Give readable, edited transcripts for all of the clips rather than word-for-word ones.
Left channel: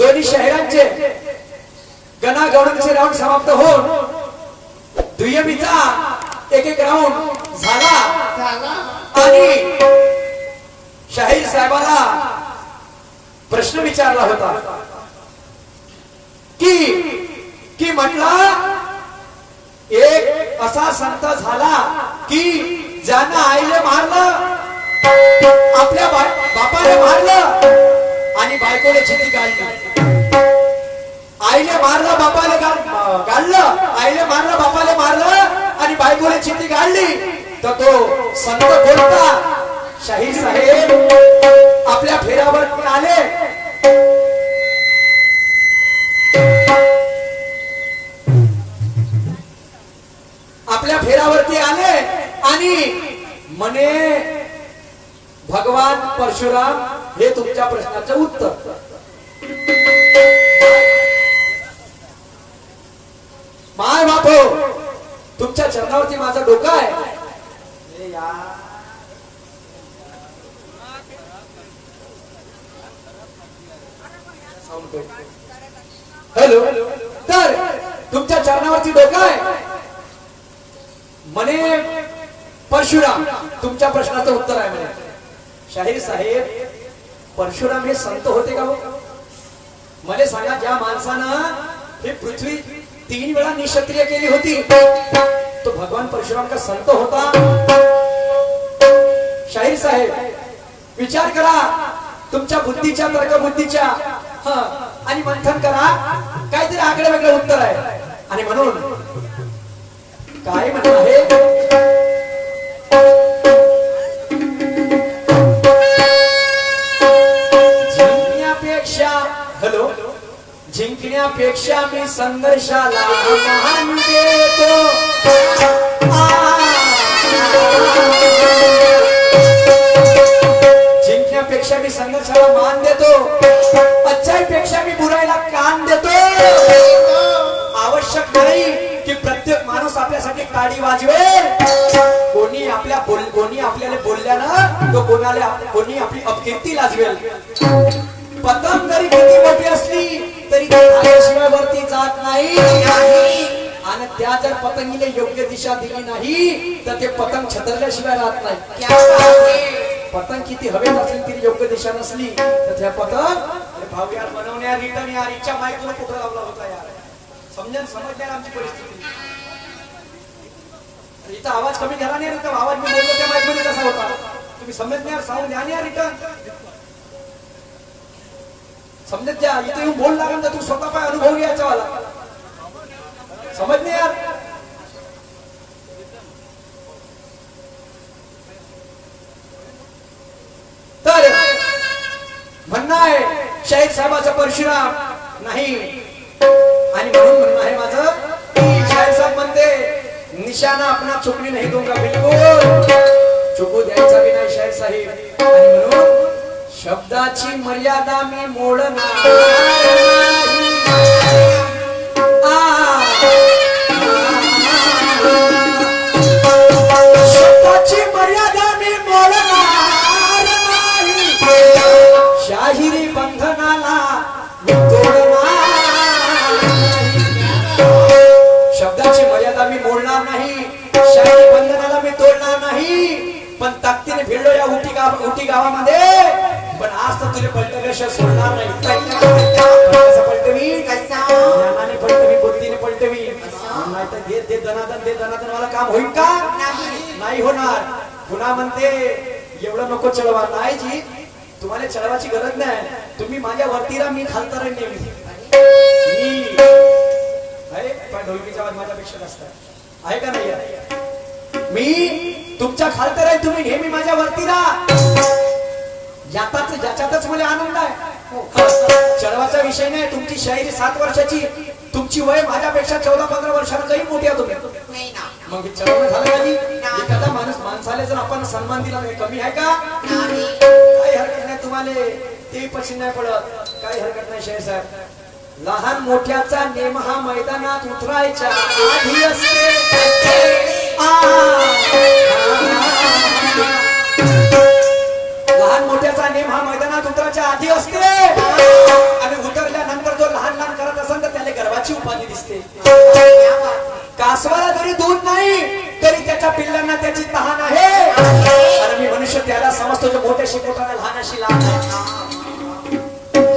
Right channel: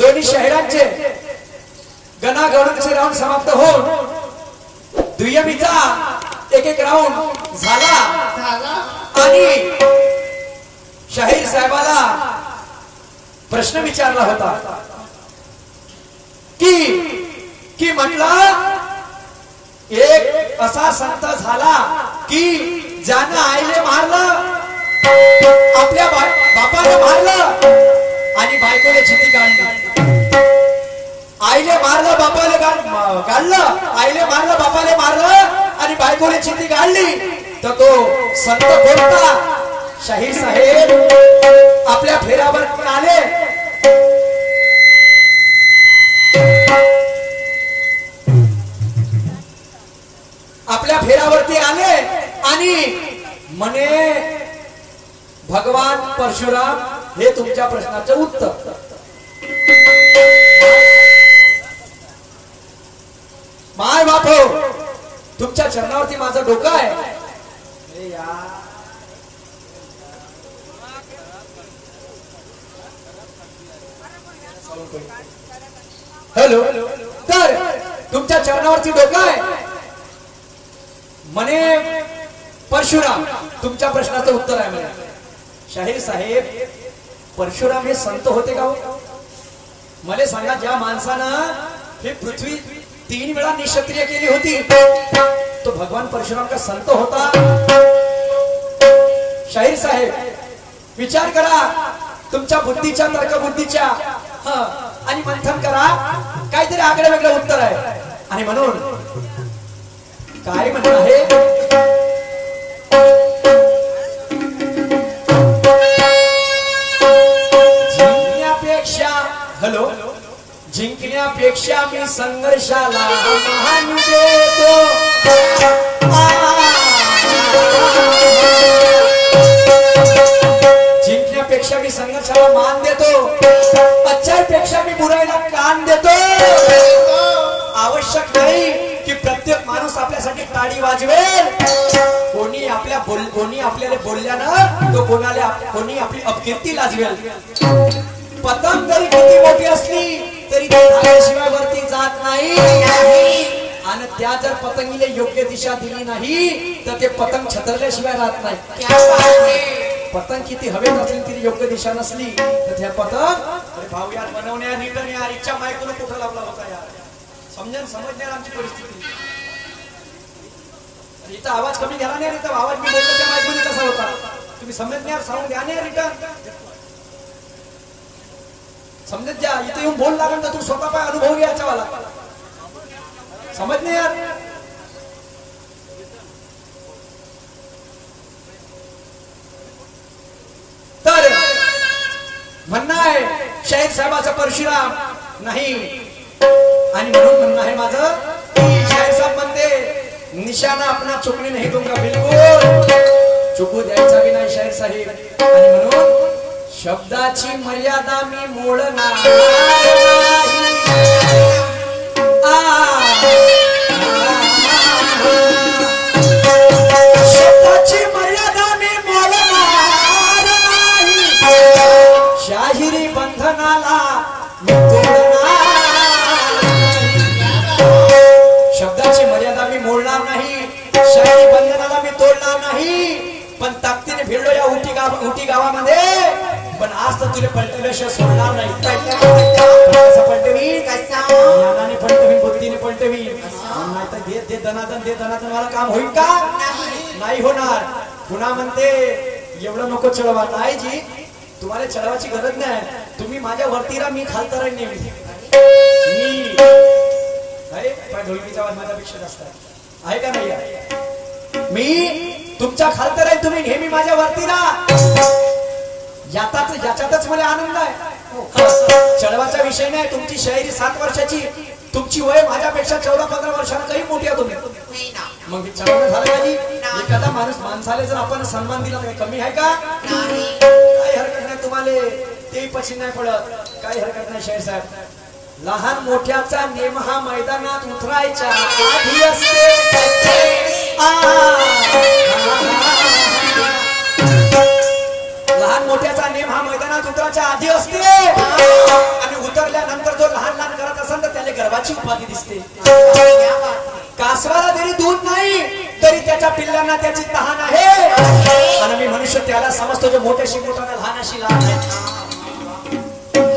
दोन्ही शहरांचे गणागणांचे राऊंड समाप्त होऊन दुय्यमीचा एक एक राऊंड झाला आणि शाहीर साहेबाला प्रश्न विचारला होता की म्हटलं एक असा संत झाला की ज्यानं आईले मारलं, आपल्या बापाने मारलं आणि बायकोने चिठी काढली. आईले मारलं, बापाले काढलं, आईले मारलं, बापाले मारलं आणि बायकोने चिठी काढली. तर तो संत कोणता? शाहीर साहेब आपल्या फेऱ्यावर आले. आपल्या फेऱ्यावरती आले आणि म्हणे भगवान परशुराम हे तुमच्या प्रश्नाचं उत्तर. माय बापो, तुमच्या चरणावरती माझं डोकं आहे. हॅलो, तर तुमच्या चरणावरती डोकं आहे म्हणे परशुराम तुमच्या प्रश्नाचं उत्तर आहे म्हणे. शाहीर साहेब, परशुराम हे संत होते का हो? मला सांगा, ज्या माणसानं हे पृथ्वी 3 वेळा निक्षत्रिय केली होती तो भगवान परशुराम का संत होता? शाहीर साहेब विचार करा तुमच्या बुद्धीच्या, तर्कबुद्धीच्या आणि मंथन करा. काहीतरी आगळं वेगळं उत्तर आहे. आणि म्हणून काय म्हणणं आहे, जिंकण्यापेक्षा जिंकण्यापेक्षा मी संघर्षाला मान देतो. जिंकण्यापेक्षा मी संघर्षाला मान देतो. अच्छाईपेक्षा मी बुराईला कान देतो. आवश्यक नाही की प्रत्येक माणूस आपल्यासाठी टाळी वाजवेल. कोणी आपल्याला बोलल्यानं तो कोणी आपली अपकीर्ती लाजवेल. पतंग जरी किती मोठी असली तरी ती धाग्याशिवाय वरती जात नाही. आणि त्या जर पतंगीला योग्य दिशा दिली नाही तर ते पतंग छतरल्याशिवाय राहत नाही. पतंग किती हवेत असली तरी योग्य दिशा नसली तर त्या पतंग भाऊ यार बनवण्या रिटर्न यार इच्छा मायकोला कुठं लावला होता यार. समजण्यार आमची परिस्थिती. इथं आवाज कमी झाला नाही तर आवाज मी बोललो त्या माईकमध्ये कसा होता तुम्ही समजण्यार साऊंड द्या नाही रिटर्न समजत द्या. इथे येऊन बोल लागून तू स्वतः पाय अनुभव घ्यायचा वाला समजणे यार. तर म्हणणं आहे शाहीर साहेबाचा परशुराम नाही. आणि म्हणून म्हणणं आहे माझं की शाहीर साहेब म्हणते निशाना अपना चुकने नहीं दूंगा, बिलकुल चुकू द्यायचा बी नाही शाहीर साहेब. आणि म्हणून शब्दाची मर्यादा मी मोडणार नाही. शब्दाची मर्यादा मी मोडणार नाही. शाहिरी बंधनाला मी तोडणार. शब्दाची मर्यादा मी मोडणार नाही. शाहिरी बंधनाला मी तोडणार नाही. पण ताकदीने भिडलो या उटी गावामध्ये. पण आज तर तुला पलटल्याशिवाय सोडणार नाही. पलटवी ज्ञानाने पलटवी, बुद्धीने पलटवी. नाही तर दे दनादन मला काम होईल का? नाही होणार. पुन्हा म्हणते एवढं नको चढवा. नाही जी, तुम्हाला चढवायची गरज नाही. तुम्ही माझ्या वरती राहा, मी खालता राहीन नेहमी. मी अरे पण ढोलकीचा आवाज माझ्यापेक्षा जास्त आहे का नाही? मी तुमच्या खालती राहील, तुम्ही नेहमी माझ्या वरती राहा. ज्याच्यातच मला आनंद आहे. चढवाचा विषय नाही. तुमची शायरी 7 वर्षाची, तुमची वय माझ्यापेक्षा 14-15 वर्षांना काही मोठी आहे तुम्ही. मग चढवणं झालं पाहिजे. एखादा माणसाला जर आपण सन्मान दिला तर कमी आहे का? काही हरकत नाही. तुम्हाला ते पसंत नाही पडत, काही हरकत नाही शाहीर साहेब. लहान मोठ्याचा नेम हा मैदानात उतरायच्या आधी असते. लहान मोठ्याचा नेम हा मैदानात उतरायच्या आधी असते आणि उतरल्यानंतर म्हणते. कासवाला जरी दूध नाही तरी त्याच्या पिल्लांना त्याची तहान आहे. आणि मी मनुष्य त्याला समजतो जो मोठ्याशी मोठा लहानाशी लहान आहे.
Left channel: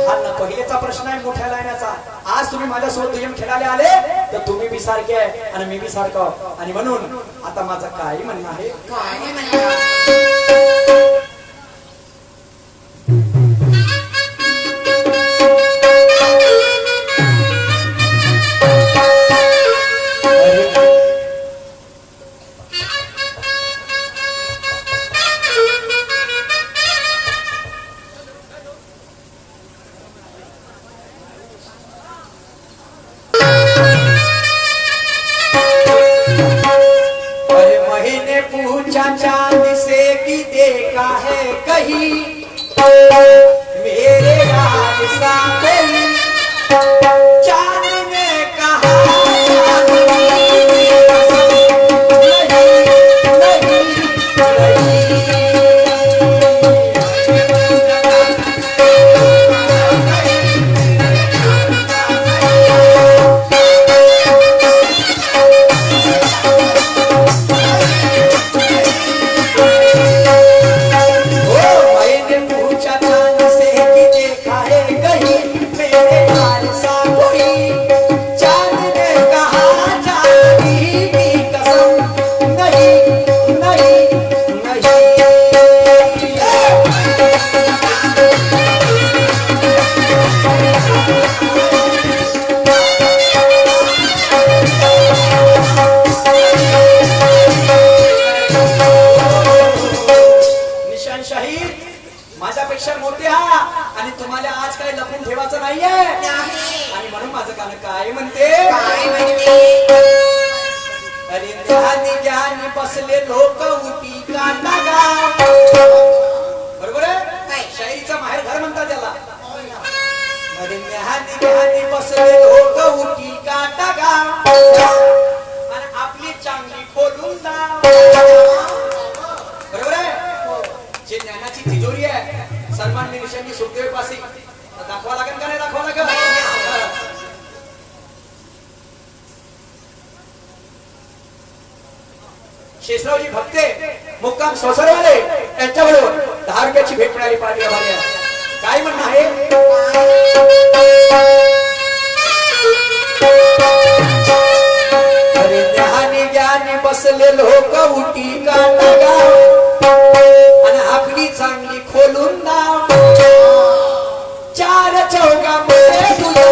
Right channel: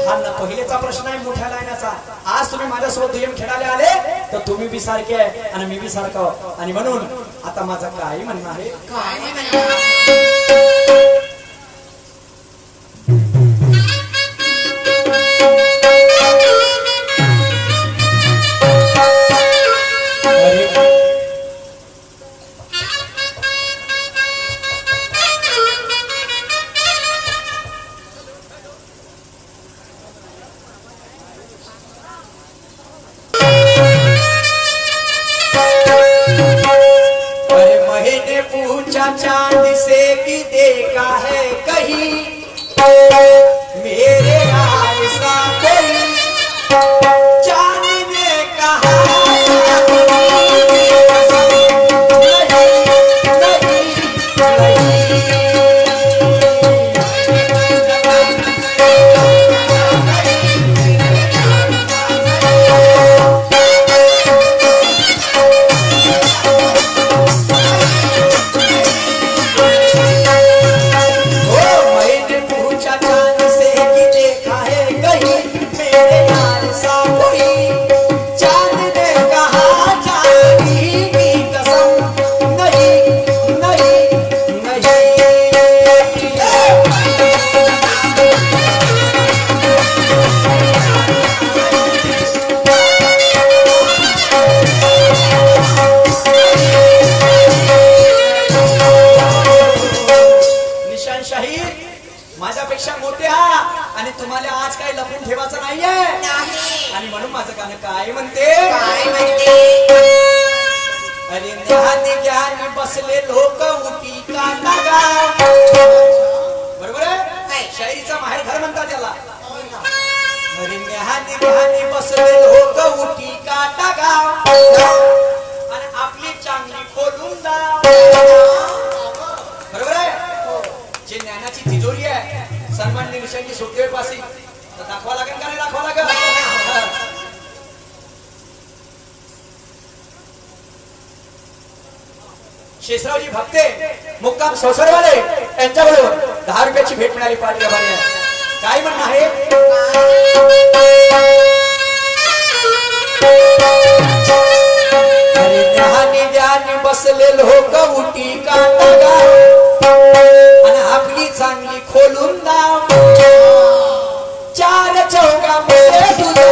हा ना पहिलेचा प्रश्न आहे मोठ्या लायनाचा. आज तुम्ही माझ्यासोबत दुय्यम खेळायला आले तर तुम्ही बी सारखे आहे आणि मी बी सारखं. आणि म्हणून आता माझं काय म्हणणं आहे. पूछा चांद से कि देखा है कहीं मेरे हाल सा कोई. चांद ने कहा माझ्यापेक्षा मोठे हा आणि तुम्हाला आज काही लपून ठेवायचं नाहीये. आणि म्हणून माझं गाणं काय म्हणते. अरे ध्यानी ज्ञानी बसले लोक उठी काटा गाव. बरोबर आहे. शाहीचा माहेर घर म्हणतात त्याला. अरे ध्यानी ज्ञानी बसले लोक उठी काटा गाव आणि आपली चांगली खोलून जा. बरोबर आहे. जे ज्ञानाची तिजोरी आहे सन्माननीय विषयांची सुखदेव पासी दाखवा लागेल का नाही दाखवा लागेल. शेषरावजी भक्ते मुक्काम संसारवाले यांच्याबरोबर 10 रुपयाची भेट मिळाली पाहिजे. काय म्हणणं आहे. अरे ध्यानी ज्ञानी बसले लोक उठी काटा गाव आणि आपली चांगली खोलून दाव. चार चौका मध्ये तुझं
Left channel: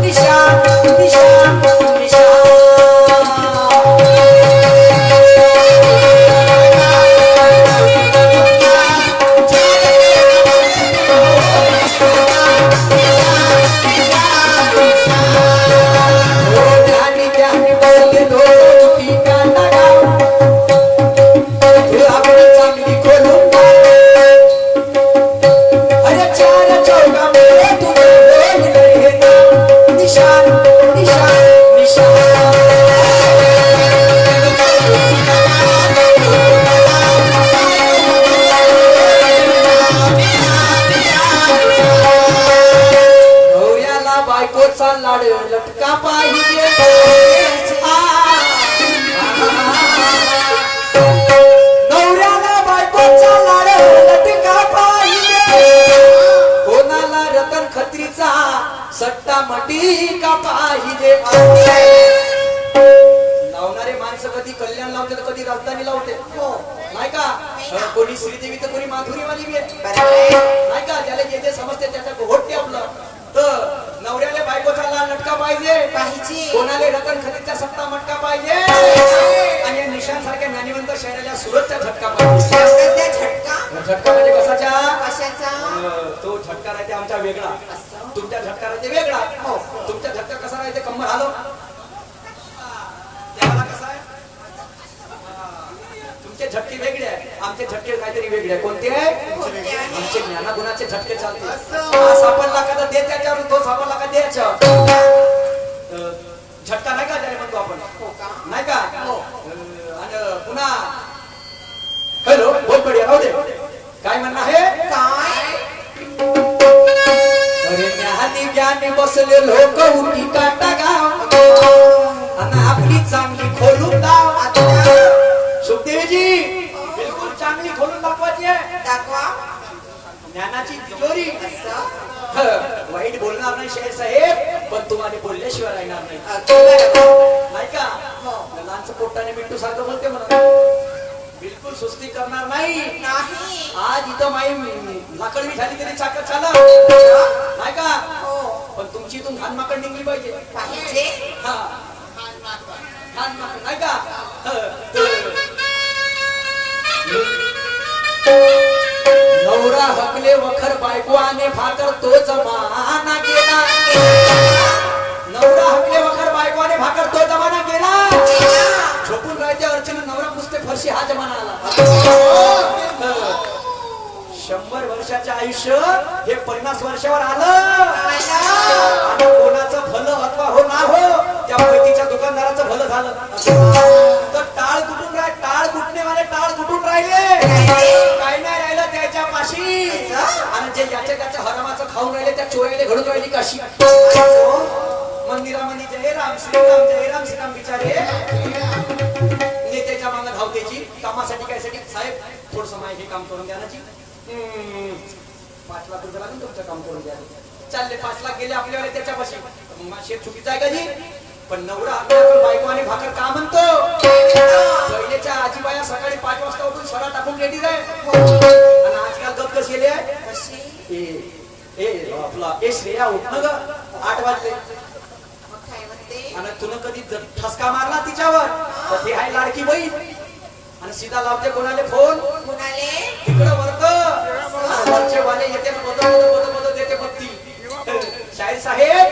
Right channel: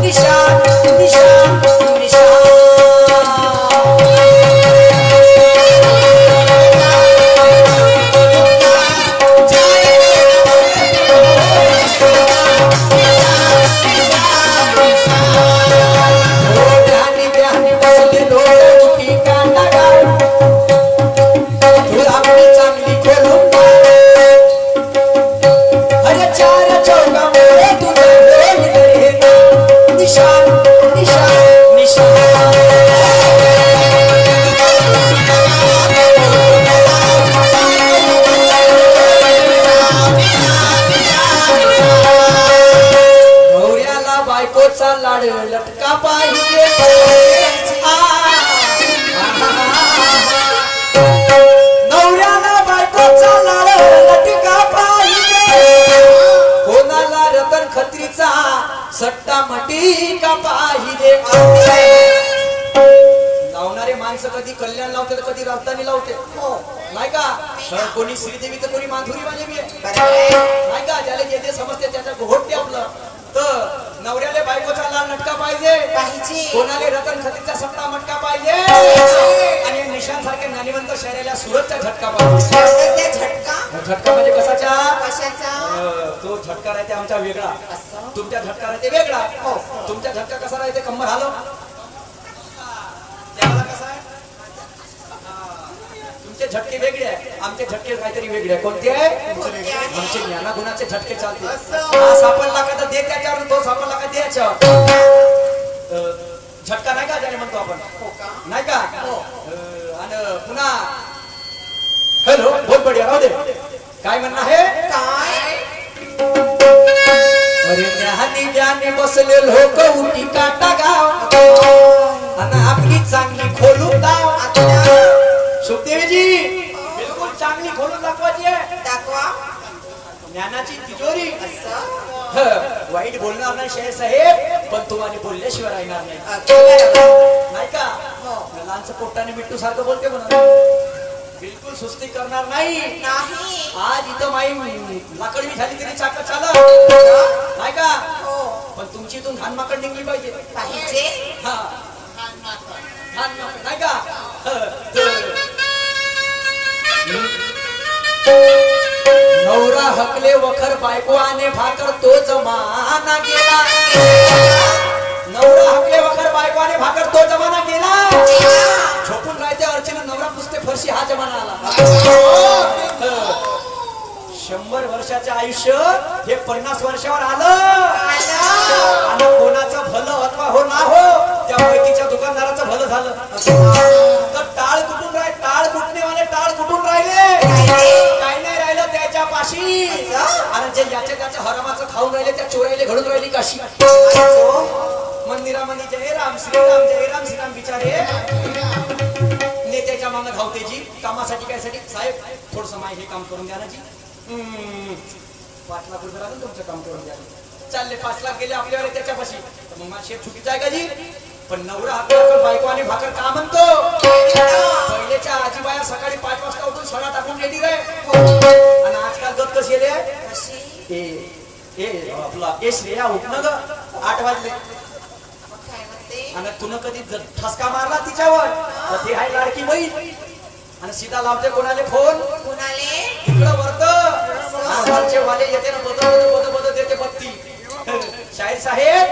निशान निशान निशान. ध्यानी ध्यानी बसले लोक उठी काटा गाव आपली चांगली खोलून दाव. अरे चार चौका मध्ये तुझं निशान निशान निशान. नवऱ्याला बायकोचा लाड लटका पाहिजे. नवऱ्याला बायकोचा लाड लटका पाहिजे. कोणाला रतन खत्रीचा सट्टा मटी का पाहिजे. लावणारे माणसं कधी कल्याण लावते तर कधी राजधानी लावते. हो नाही का. कोणी श्रीदेवी तर कोणी माधुरी माझी बी नाही का. ज्याला जे समजते त्याच्या घोटते आपलं. तर नवऱ्याला बायकोचा लाल लटका पाहिजे. कोणाला रतन खत्रीचा सट्टा मटका पाहिजे. आणि या निशान सारख्या ज्ञानीवंत शहराला सुरतचा झटका पाहिजे. झटका म्हणजे कशाचा. तो झटका राहते आमचा वेगळा. तुमच्या झटका राहते वेगळा. तुमच्या झटका कसा राहते कंबर आलं त्याला कसा आहे. तुमचे झटके वेगळे आहे आमचे झटके काहीतरी वेगळे आहे. कोणते आहे. आमचे ज्ञानागुणाचे झटके चालते. हा सापडला का तर दे त्याच्यावर. तो सापडला का द्यायच्या. झटका नाही का ज्याने म्हणतो आपण नाही का. आणि पुन्हा हॅलो बोल पडूया राहू दे. काय म्हणणं आहे. काय अरे ध्यानी ज्ञानी बसले लोक उठी काटा गाव आणि आपली चांगली खोलून दाव. सुखदेवीजी बिलकुल चांगली खोलून दाखवायची आहे. दाखवा. ज्ञानाची तिजोरी. वाईट बोलणार नाही शाहीर साहेब, पण तुम्हाला बोलल्याशिवाय राहणार नाही. नाही का लहानचं पोट्टाने मिट्टू सारखं बोलते म्हणा. बिलकुल सुस्ती करणार नाही. आज इथं माई लाकडवी झाली तरी चाक चालव नाही का. पण तुमची इथून घाण माकड निघली पाहिजे. घाण माकड नाही का. नवरा हकले वखर बायको आने भाकर तो जमाना गेला. नवरा हकले वखर बायको आने भाकर तो जमाना गेला. झोपून राहते अर्चना नवरा पुसते फरशी हा जमाना आला. 100 वर्षाचं आयुष्य हे 50 वर्षावर आलं. आणि कोणाचं भलं अथवा हो ना हो त्या ओळखीच्या दुकानदाराचं भलं झालं. तर टाळ कुठून टाळ कुटणेवाले टाळ कुठून राहिले. काही नाही राहिलं त्याच्या पाशी. आणि जे याच्या त्याच्या हरामाचं खाऊन राहिले त्या चोरीले घडून राहिली काशी. मंदिरामध्ये जय राम श्रीराम जय राम श्रीराम बिचारे नेत्याच्या मागं धावतेची. कामासाठी काय साठी साहेब थोडस माय हे काम करून द्या ना जी. 5 लाख रुपये लागून तुमचं काम करून द्या. चालले 5 लाख गेले आपल्या वेळेस त्याच्यापाशी. मग शेत चुकीचं आहे का जी. पण नवरा आपल्या बायको आणि भाकर का म्हणतो. पहिल्याच्या आजीबाया सकाळी 5 वाजता उठून सडा टाकून रेडी रे. आणि आजकाल गत कशी गेले आपला श्रेया उठणं ग 8 वाजले. आणि तुला कधी ठसका मारला तिच्यावर तर ते आहे लाडकी बहीण. आणि सीधा लावते कोणाले फोन. इकडं वरत वरचे वाले येते बद देते पत्ती. शाहीर साहेब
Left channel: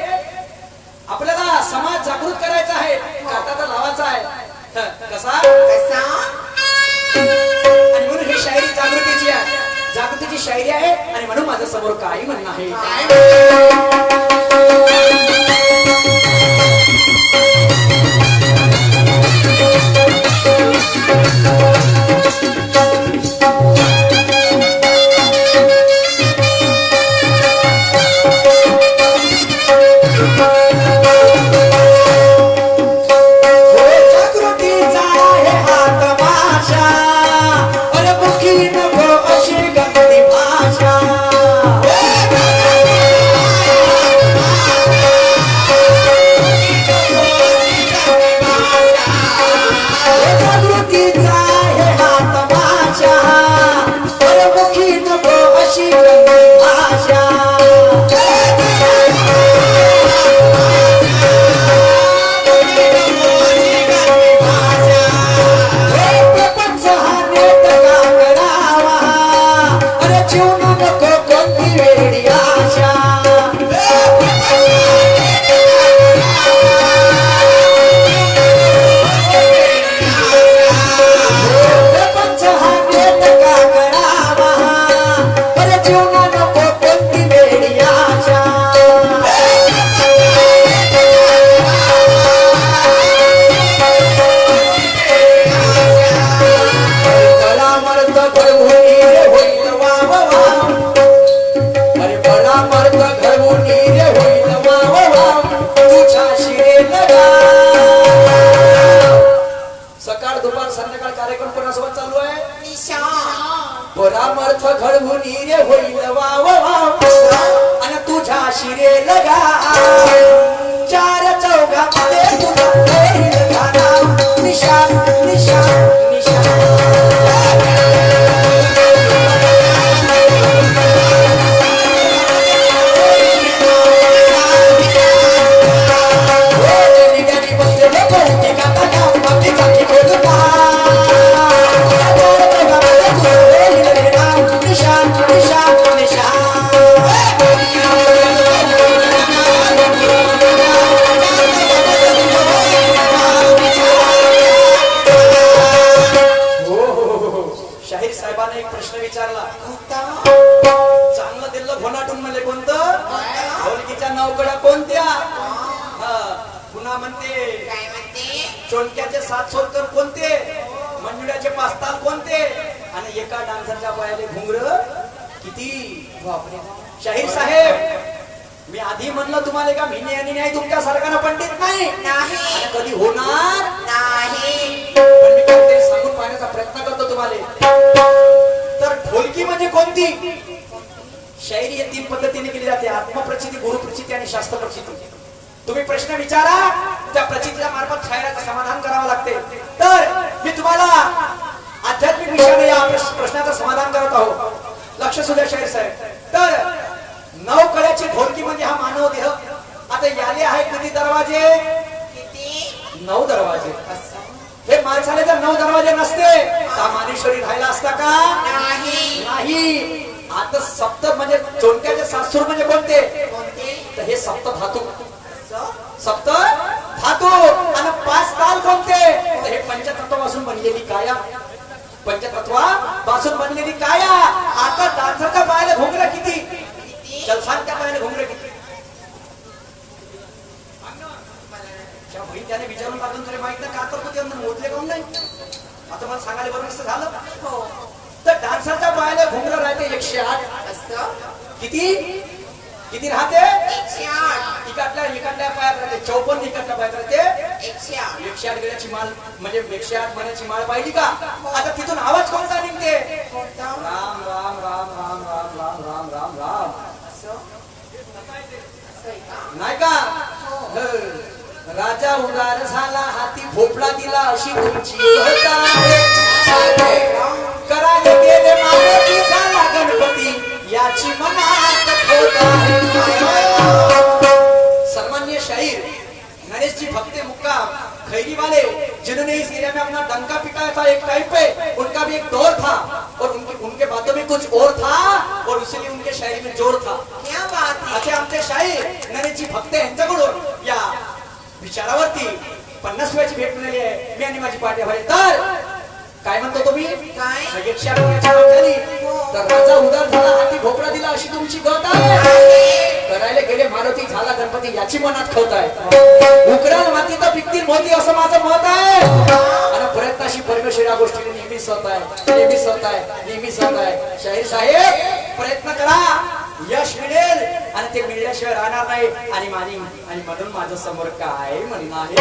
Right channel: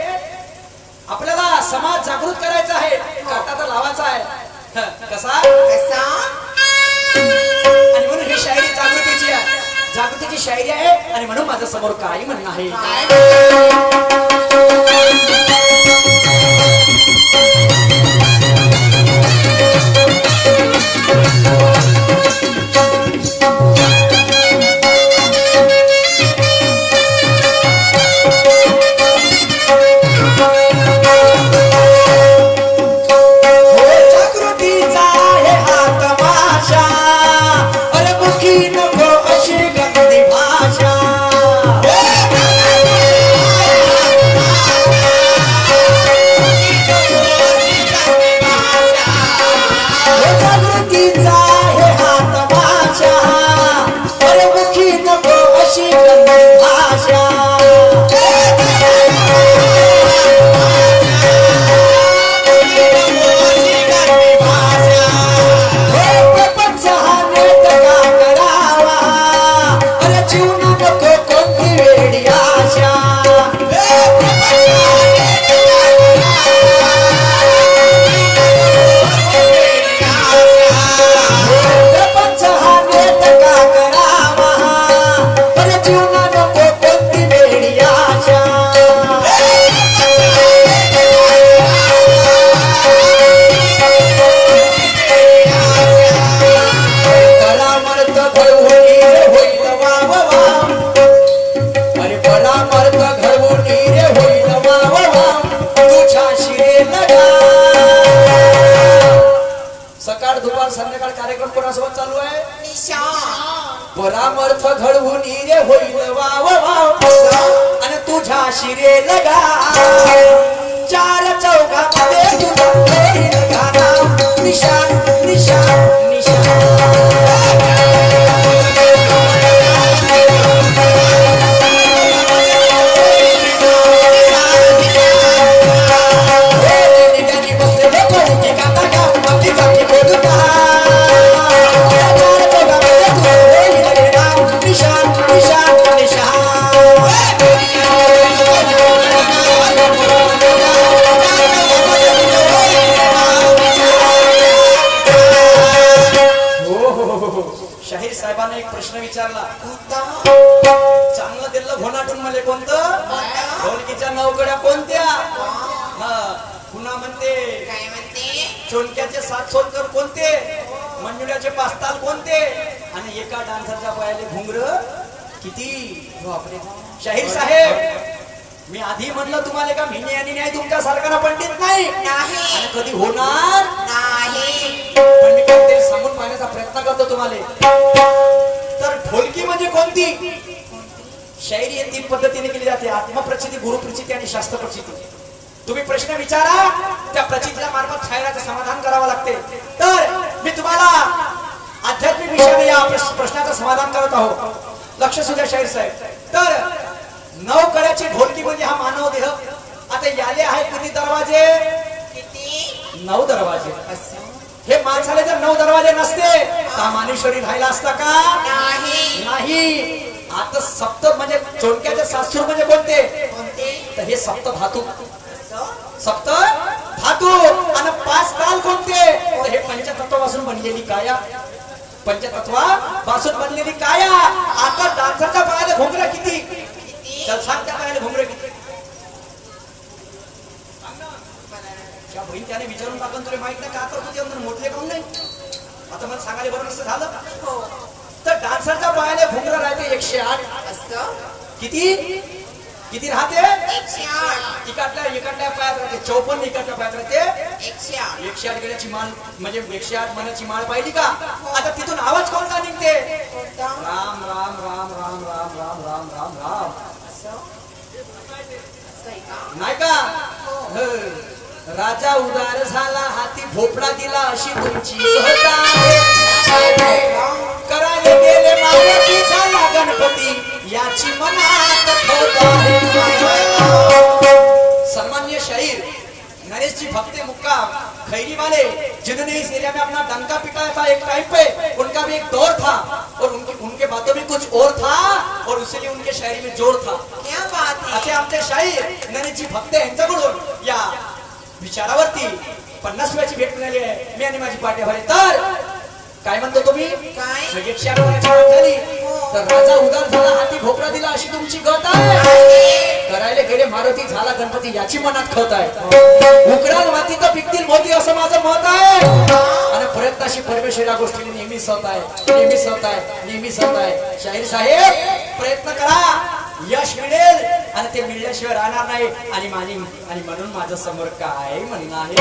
आपल्याला समाज जागृत करायचा आहे. काटा तर लावायचा आहे. कसा आणि म्हणून ही शायरी जागृतीची आहे. जागृतीची शायरी आहे. आणि म्हणून माझ्या समोर काय म्हणणं आहे. चोणक्याचे 7 सोलकर कोणते, मंजुळ्याचे 5 ताल कोणते, आणि एका डान्सरच्या पायाले घुंगर किती. बापरे शाहीर साहेब मी आधी म्हणलं तुम्हाला का मी आणि नाही तुमच्या सारखाना पंडित नाही आणि कधी होणार नाही. पण मी काय ते सांगून पाहण्याचा प्रयत्न करतो तुम्हाला. तर ढोलकी म्हणजे कोणती? शायरी या 3 पद्धतीने केली जाते: आत्मप्रचिती, गुरुप्रचिती आणि शास्त्र प्रचिती. तुम्ही प्रश्न विचारा, त्या प्रचितीच्या मार्फत शायराचं समाधान करावं लागते. तर मी तुम्हाला आध्यात्मिक विषयाने या प्रश्नाचं समाधान करत आहोत. लक्ष सुद्धा शाहीर साहेब. तर 9 कड्याची ढोलकी म्हणजे हा मानव देह. आता याले आहे किती दरवाजे? किती? 9 दरवाजे. हे माणसाने जर 9 दरवाजे नसते तर मानेश्वरी राहिला असता का? नाही. आता सप्त म्हणजे चोंडक्याचे सासूर म्हणजे कोणते? तर हे सप्त धातू. सप्त धातू. आणि 5 काल कोणते? तर हे पंचतत्वापासून बनलेली काया. पंचतत्वापासून बनलेली काया. आता डान्सरच्या पायाला घुंगरं किती? जलसांच्या पायाला घुंगरं किती? त्या बहीण त्याने विचारून टाकून तरी माहित नाही का तर कुठे अंदर मोजले काऊन नाही? आता मला सांगायला बरं नसतं झालं. तर डान्सरच्या पायाला घुंगरं राहते 108. किती राहते? 108. इकडल्या पायात राहते 54. इकडल्या पायात राहते 108. 108 गेल्याची माळ म्हणजे 108 महिन्याची माळ पाहिली का? आता तिथून आवाज कोणता निघते? राम राम राम राम राम राम राम राम राम. नाही का? राजा उदार झाला, हाती भोपळा दिला, अशी तुमची करायला गेले मारुती, झाला गणपती, याची मनात सन्मान्य शाहीर नरेश जी भक्ते मुक्काम खैरी वाले, जिन्होंने इस एरिया में अपना डंका पिटाया था एक टाइम पे, उनका भी एक दौर था और उनके बातों में कुछ और था और इसीलिए उनके शायरी में जोर था. क्या बात है. असे आमचे शाहीर नरेश जी भक्ते यांच्याकडून या विचारावरती 50 रुपयाची भेट मिळाली आहे. मी आणि माझी पार्टी भरे. तर काय म्हणतो तुम्ही? काय? 108 झाली तर राजा उदार झाला, हाती भोपळा दिला, अशी तुमची गत आहे. करायला गेले मारुती, झाला गणपती, याची मनात ठेवत आहे. उकराल माती तर पिकतील मोती, असं माझं मत आहे. आणि प्रयत्नाशी परमेश्वर या गोष्टीने नेहमीच होत आहे, नेहमीच होत आहे, नेहमीच होत आहे. शाहीर साहेब प्रयत्न करा, यश मिळेल आणि ते मिळल्याशिवाय राहणार नाही. आणि म्हणून माझ्या समोर काय म्हणणं आहे?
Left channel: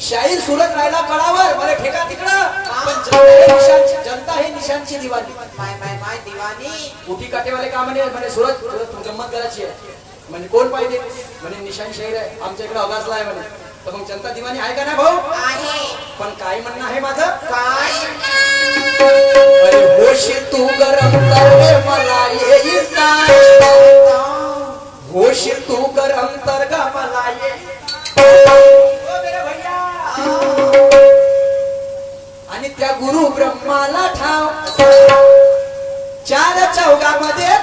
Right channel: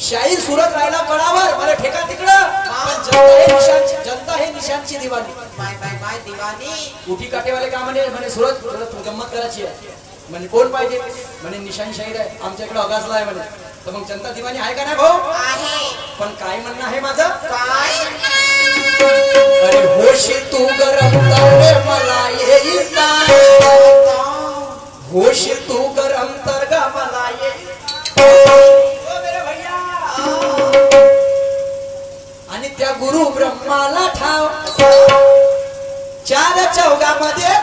शाहीर सुरत राहिला कडावर, मला ठेका तिकडं, पण निशांची दिवाणी माय दिवाणी उठी काटेवाले का म्हणे सुरत गंमत करायची आहे म्हणे कोण पाहिजे म्हणे निशांत शाहीर आहे आमच्याकडे अगासला आहे म्हणे तर मग जनता दिवाणी आहे का नाही भाऊ आहे पण काय म्हणणं आहे माझं काय अरे होशी तू गरम तर मला येईल का होशी तू गरम तर ग मला आणि त्या गुरु ब्रह्माला ठाव चार चौघामध्ये